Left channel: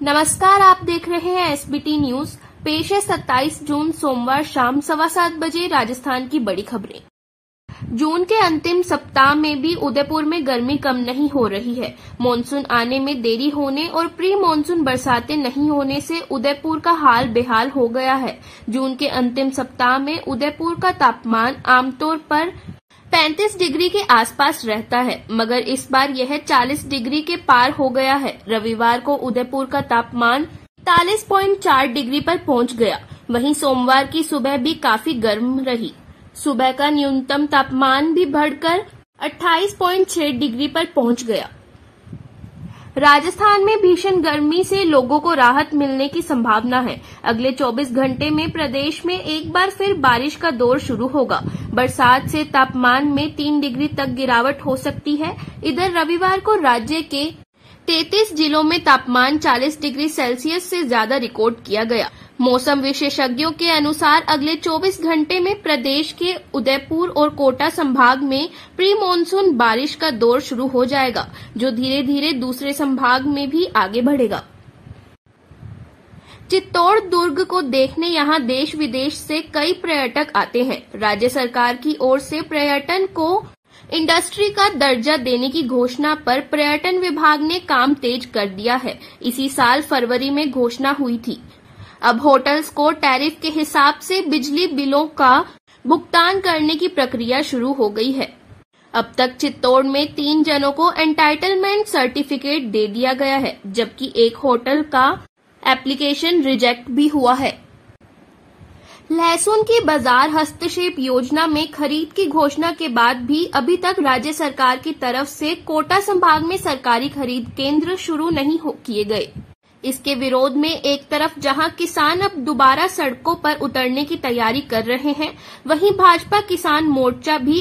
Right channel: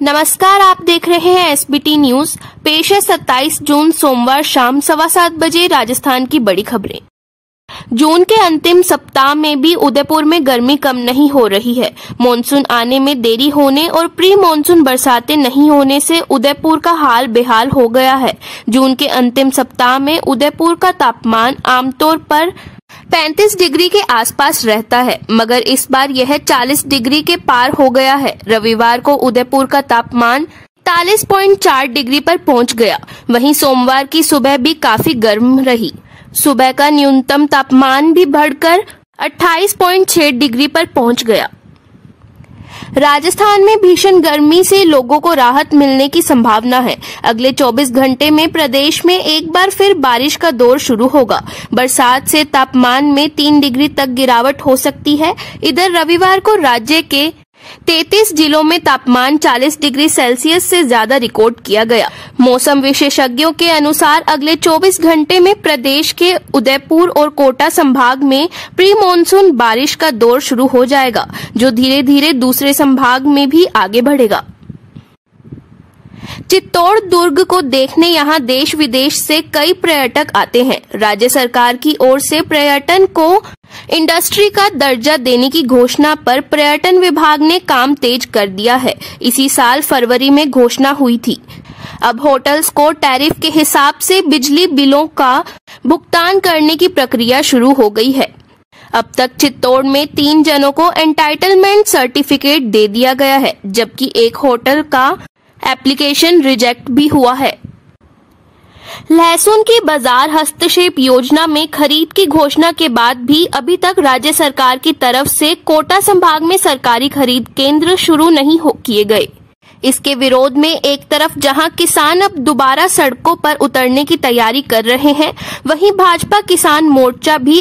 नमस्कार, आप देख रहे हैं एसबीटी न्यूज। पेश है 27 जून सोमवार शाम 7:15 बजे राजस्थान की बड़ी खबरें। जून के अंतिम सप्ताह में भी उदयपुर में गर्मी कम नहीं हो रही है। मॉनसून आने में देरी होने और प्री मॉनसून बरसातें नहीं होने से उदयपुर का हाल बेहाल हो गया है। जून के अंतिम सप्ताह में उदयपुर का तापमान आमतौर पर 35 डिग्री के आसपास रहता है, मगर इस बार यह 40 डिग्री के पार हो गया है। रविवार को उदयपुर का तापमान 43.4 डिग्री पर पहुंच गया। वहीं सोमवार की सुबह भी काफी गर्म रही। सुबह का न्यूनतम तापमान भी बढ़कर 28.6 डिग्री पर पहुंच गया। राजस्थान में भीषण गर्मी से लोगों को राहत मिलने की संभावना है। अगले 24 घंटे में प्रदेश में एक बार फिर बारिश का दौर शुरू होगा। बरसात से तापमान में 3 डिग्री तक गिरावट हो सकती है। इधर रविवार को राज्य के 33 जिलों में तापमान 40 डिग्री सेल्सियस से ज्यादा रिकॉर्ड किया गया। मौसम विशेषज्ञों के अनुसार अगले 24 घंटे में प्रदेश के उदयपुर और कोटा संभाग में प्री मॉनसून बारिश का दौर शुरू हो जाएगा, जो धीरे धीरे दूसरे संभाग में भी आगे बढ़ेगा। चित्तौड़ दुर्ग को देखने यहां देश विदेश से कई पर्यटक आते हैं। राज्य सरकार की ओर से पर्यटन को इंडस्ट्री का दर्जा देने की घोषणा पर पर्यटन विभाग ने काम तेज कर दिया है। इसी साल फरवरी में घोषणा हुई थी। अब होटल्स को टैरिफ के हिसाब से बिजली बिलों का भुगतान करने की प्रक्रिया शुरू हो गई है। अब तक चित्तौड़ में 3 जनों को एंटाइटलमेंट सर्टिफिकेट दे दिया गया है, जबकि एक होटल का एप्लीकेशन रिजेक्ट भी हुआ है। लहसुन की बाजार हस्तक्षेप योजना में खरीद की घोषणा के बाद भी अभी तक राज्य सरकार की तरफ से कोटा संभाग में सरकारी खरीद केंद्र शुरू नहीं किए गए। इसके विरोध में एक तरफ जहां किसान अब दोबारा सड़कों पर उतरने की तैयारी कर रहे हैं, वहीं भाजपा किसान मोर्चा भी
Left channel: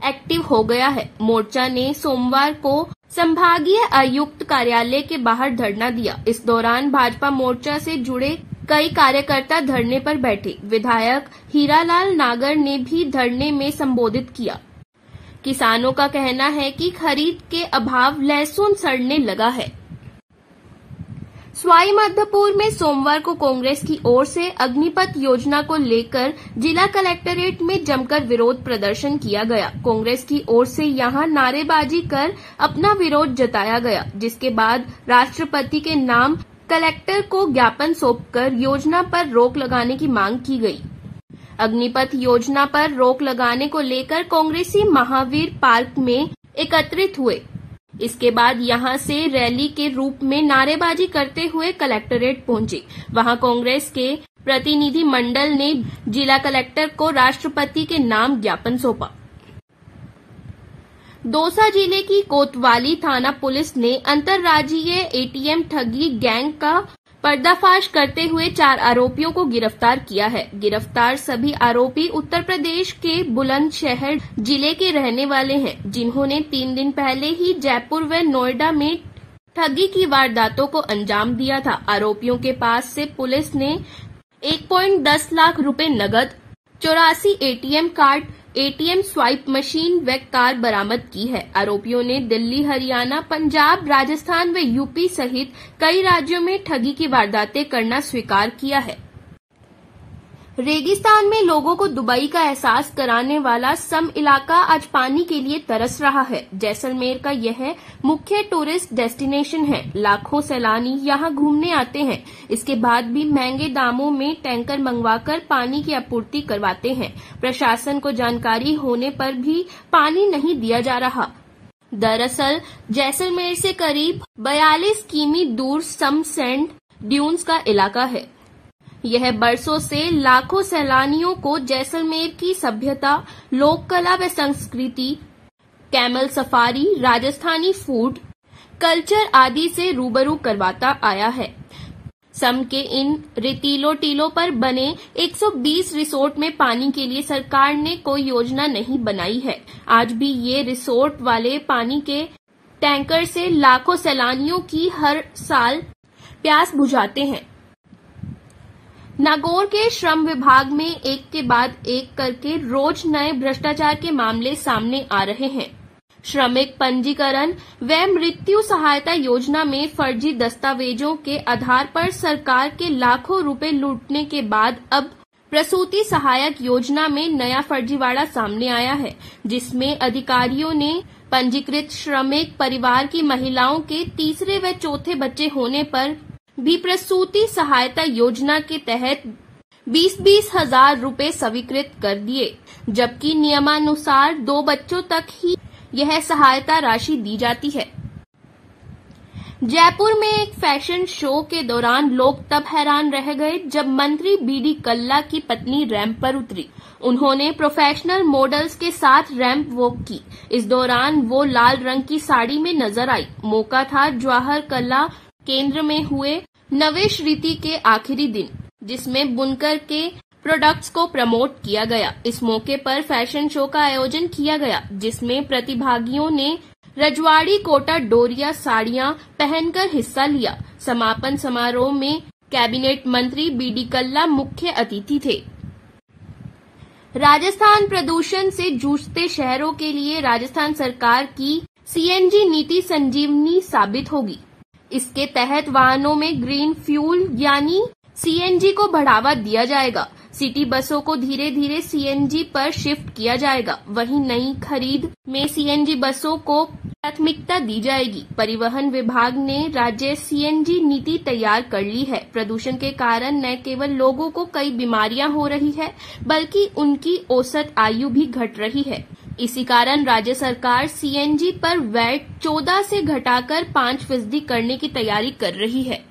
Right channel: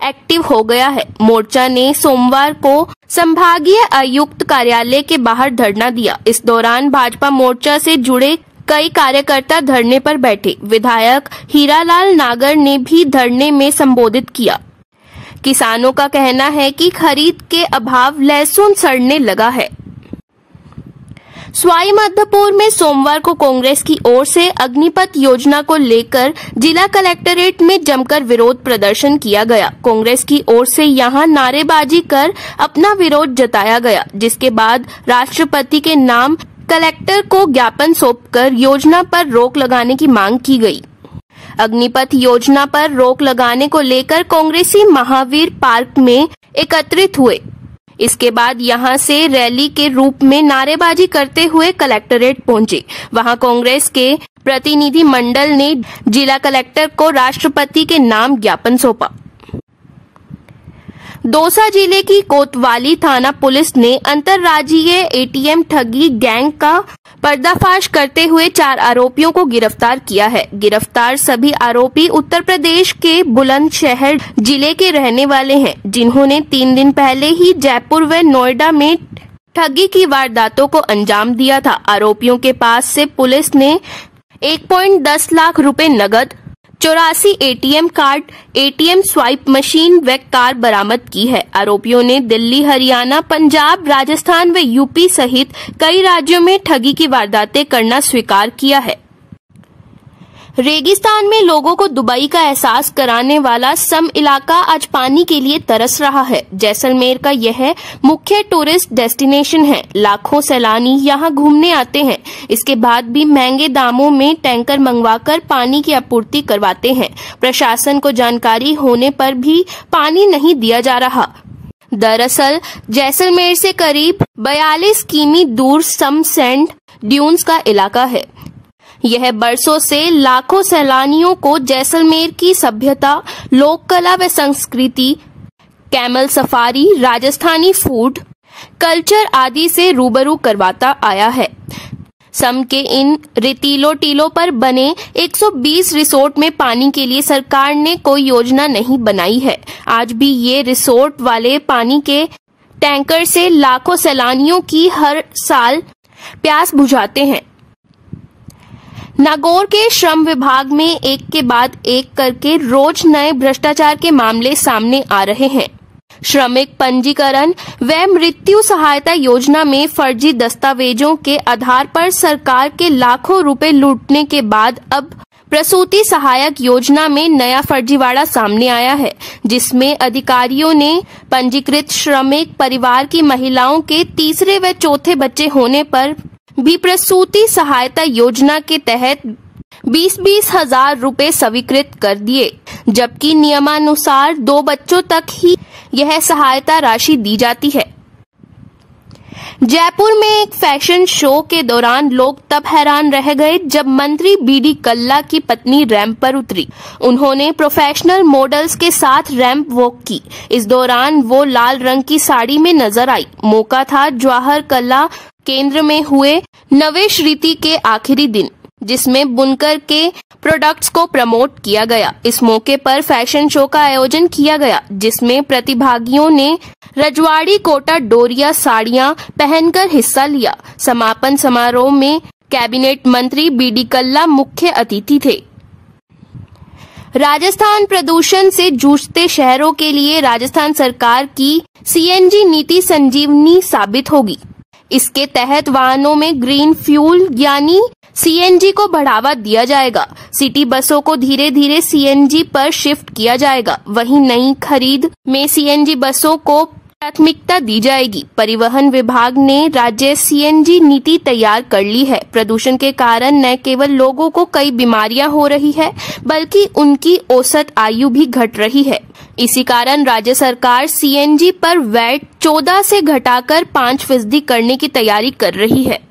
एक्टिव हो गया है। मोर्चा ने सोमवार को संभागीय आयुक्त कार्यालय के बाहर धरना दिया। इस दौरान भाजपा मोर्चा से जुड़े कई कार्यकर्ता धरने पर बैठे। विधायक हीरालाल नागर ने भी धरने में संबोधित किया। किसानों का कहना है कि खरीद के अभाव लहसुन सड़ने लगा है। सवाई माधोपुर में सोमवार को कांग्रेस की ओर से अग्निपथ योजना को लेकर जिला कलेक्ट्रेट में जमकर विरोध प्रदर्शन किया गया। कांग्रेस की ओर से यहां नारेबाजी कर अपना विरोध जताया गया, जिसके बाद राष्ट्रपति के नाम कलेक्टर को ज्ञापन सौंपकर योजना पर रोक लगाने की मांग की गई। अग्निपथ योजना पर रोक लगाने को लेकर कांग्रेसी महावीर पार्क में एकत्रित हुए। इसके बाद यहां से रैली के रूप में नारेबाजी करते हुए कलेक्ट्रेट पहुंचे। वहां कांग्रेस के प्रतिनिधि मंडल ने जिला कलेक्टर को राष्ट्रपति के नाम ज्ञापन सौंपा। दौसा जिले की कोतवाली थाना पुलिस ने अंतर्राज्यीय एटीएम ठगी गैंग का पर्दाफाश करते हुए 4 आरोपियों को गिरफ्तार किया है। गिरफ्तार सभी आरोपी उत्तर प्रदेश के बुलंदशहर जिले के रहने वाले हैं, जिन्होंने 3 दिन पहले ही जयपुर व नोएडा में ठगी की वारदातों को अंजाम दिया था। आरोपियों के पास से पुलिस ने 1.10 लाख रुपए नगद, 84 ATM card, ATM swipe machine व कार बरामद की है। आरोपियों ने दिल्ली, हरियाणा, पंजाब, राजस्थान व यूपी सहित कई राज्यों में ठगी की वारदातें करना स्वीकार किया है। रेगिस्तान में लोगों को दुबई का एहसास कराने वाला सम इलाका आज पानी के लिए तरस रहा है। जैसलमेर का यह मुख्य टूरिस्ट डेस्टिनेशन है। लाखों सैलानी यहां घूमने आते हैं। इसके बाद भी महंगे दामों में टैंकर मंगवाकर पानी की आपूर्ति करवाते हैं। प्रशासन को जानकारी होने पर भी पानी नहीं दिया जा रहा। दरअसल जैसलमेर से करीब 42 किमी दूर सम सैंड ड्यून्स का इलाका है। यह बरसों से लाखों सैलानियों को जैसलमेर की सभ्यता, लोक कला व संस्कृति, camel safari, Rajasthani food culture आदि से रूबरू करवाता आया है। सम के इन रेतीलो टीलों पर बने 120 रिसोर्ट में पानी के लिए सरकार ने कोई योजना नहीं बनाई है। आज भी ये रिसोर्ट वाले पानी के टैंकर से लाखों सैलानियों की हर साल प्यास बुझाते हैं। नागौर के श्रम विभाग में एक के बाद एक करके रोज नए भ्रष्टाचार के मामले सामने आ रहे हैं। श्रमिक पंजीकरण व मृत्यु सहायता योजना में फर्जी दस्तावेजों के आधार पर सरकार के लाखों रुपए लूटने के बाद अब प्रसूति सहायक योजना में नया फर्जीवाड़ा सामने आया है, जिसमें अधिकारियों ने पंजीकृत श्रमिक परिवार की महिलाओं के तीसरे व चौथे बच्चे होने पर भी प्रसूति सहायता योजना के तहत 20-20 हजार रुपए स्वीकृत कर दिए, जबकि नियमानुसार 2 बच्चों तक ही यह सहायता राशि दी जाती है। जयपुर में एक फैशन शो के दौरान लोग तब हैरान रह गए जब मंत्री बीडी कल्ला की पत्नी रैंप पर उतरी। उन्होंने प्रोफेशनल मॉडल्स के साथ रैंप वॉक की। इस दौरान वो लाल रंग की साड़ी में नजर आई। मौका था जवाहर कला केंद्र में हुए नवेश रीति के आखिरी दिन, जिसमें बुनकर के प्रोडक्ट्स को प्रमोट किया गया। इस मौके पर फैशन शो का आयोजन किया गया, जिसमें प्रतिभागियों ने रजवाड़ी कोटा डोरिया साड़ियां पहनकर हिस्सा लिया। समापन समारोह में कैबिनेट मंत्री बीडी कल्ला मुख्य अतिथि थे। राजस्थान प्रदूषण से जूझते शहरों के लिए राजस्थान सरकार की सीएनजी नीति संजीवनी साबित होगी। इसके तहत वाहनों में ग्रीन फ्यूल यानी सीएनजी को बढ़ावा दिया जाएगा। सिटी बसों को धीरे धीरे सीएनजी पर शिफ्ट किया जाएगा। वहीं नई खरीद में सीएनजी बसों को प्राथमिकता दी जाएगी। परिवहन विभाग ने राज्य सीएनजी नीति तैयार कर ली है। प्रदूषण के कारण न केवल लोगों को कई बीमारियां हो रही है, बल्कि उनकी औसत आयु भी घट रही है। इसी कारण राज्य सरकार सीएनजी पर वैट 14 से घटाकर 5% करने की तैयारी कर रही है।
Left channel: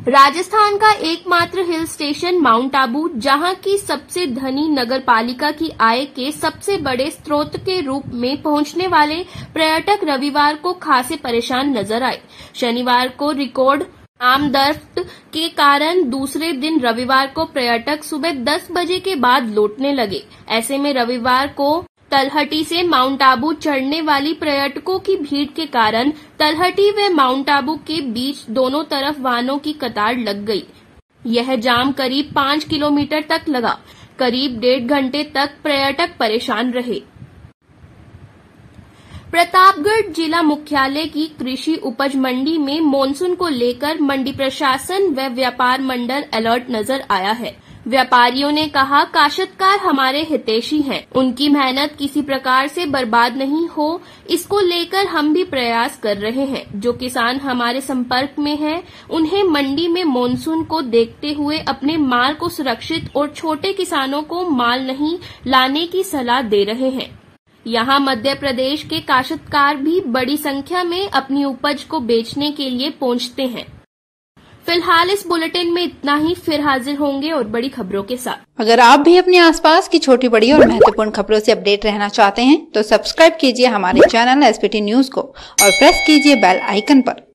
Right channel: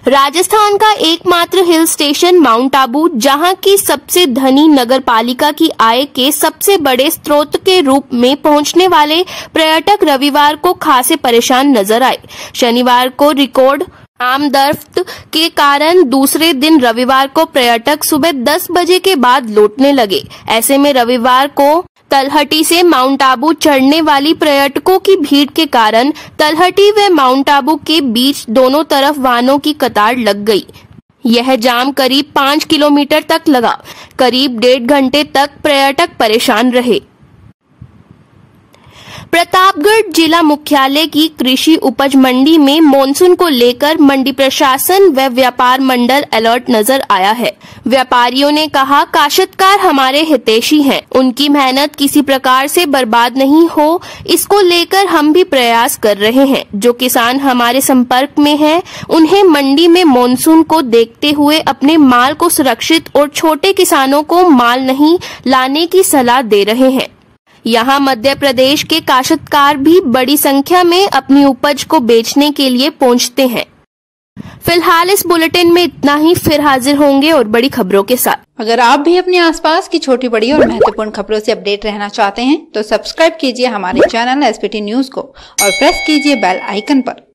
राजस्थान का एकमात्र हिल स्टेशन माउंट आबू, जहां की सबसे धनी नगरपालिका की आय के सबसे बड़े स्रोत के रूप में पहुंचने वाले पर्यटक रविवार को खासे परेशान नजर आए। शनिवार को रिकॉर्ड आमदरफ्त के कारण दूसरे दिन रविवार को पर्यटक सुबह 10 बजे के बाद लौटने लगे। ऐसे में रविवार को तलहटी से माउंट आबू चढ़ने वाली पर्यटकों की भीड़ के कारण तलहटी व माउंट आबू के बीच दोनों तरफ वाहनों की कतार लग गई। यह जाम करीब 5 किलोमीटर तक लगा। करीब 1.5 घंटे तक पर्यटक परेशान रहे। प्रतापगढ़ जिला मुख्यालय की कृषि उपज मंडी में मॉनसून को लेकर मंडी प्रशासन व व्यापार मंडल अलर्ट नजर आया है। व्यापारियों ने कहा, काश्तकार हमारे हितैषी हैं, उनकी मेहनत किसी प्रकार से बर्बाद नहीं हो, इसको लेकर हम भी प्रयास कर रहे हैं। जो किसान हमारे संपर्क में हैं, उन्हें मंडी में मॉनसून को देखते हुए अपने माल को सुरक्षित और छोटे किसानों को माल नहीं लाने की सलाह दे रहे हैं। यहाँ मध्य प्रदेश के काश्तकार भी बड़ी संख्या में अपनी उपज को बेचने के लिए पहुँचते हैं। फिलहाल इस बुलेटिन में इतना ही। फिर हाजिर होंगे और बड़ी खबरों के साथ। अगर आप भी अपने आसपास की छोटी बड़ी और महत्वपूर्ण खबरों से अपडेट रहना चाहते हैं तो सब्सक्राइब कीजिए हमारे चैनल एसपीटी न्यूज को और प्रेस कीजिए बेल आइकन पर।